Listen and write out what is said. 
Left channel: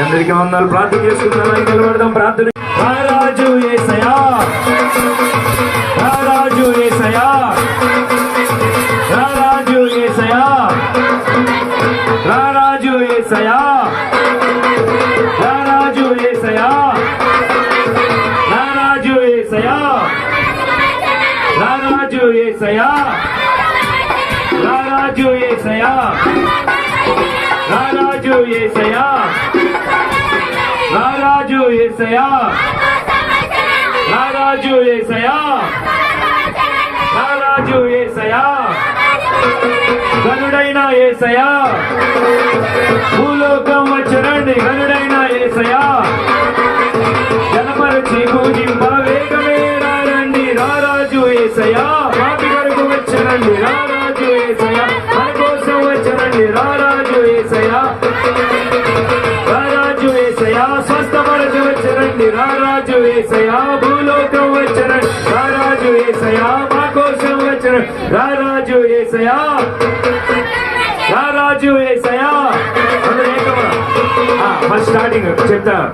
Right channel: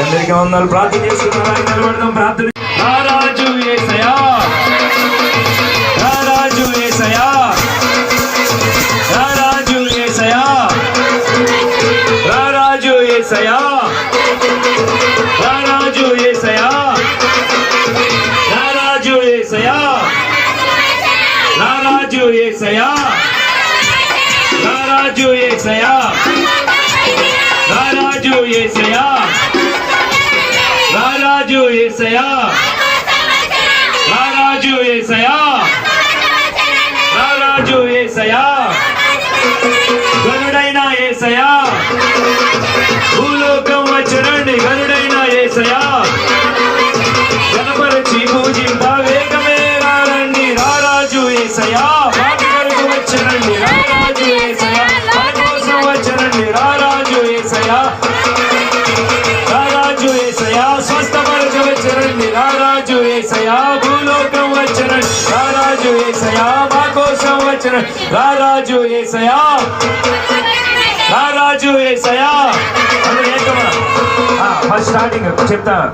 అందరికీ వందలు. ప్రార్థన చేసుకున్నారా? నిలబడదాం. ప్రార్థన. రారాజు యేసయ్యా, రారాజు యేసయ్యా, రారాజు యేసయ్యా, రారాజు యేసయ్యా, రారాజు యేసయ్యా, రారాజు యేసయ్యా, రారాజు యేసయ్యా, రారాజు యేసయ్యా, రారాజు యేసయ్యా, రారాజు యేసయ్యా, రారాజు యేసయ్యా, రారాజు యేసయ్యా, గనుడైన యేసయ్యా, భూలోకం వచ్చరండి. గనుడైన యేసయ్యా, గణపరచి పూజింప వేగమే రండి. రారాజు యేసయ్యా, వాటి వరకు వచ్చరండి. రారాజు యేసయ్యా, మన కోసం వచ్చరండి. రారాజు యేసయ్యా, రారాజు యేసయ్యా, స్వస్థపరచవచ్చరండి. రారాజు యేసయ్యా, భూలోకం వచ్చరండి. రారాజు యేసయ్యా, మా కోసం వచ్చరండి. రారాజు యేసయ్యా, రారాజు యేసయ్యా. ఫస్ట్ స్టార్టింగ్ చెప్తా.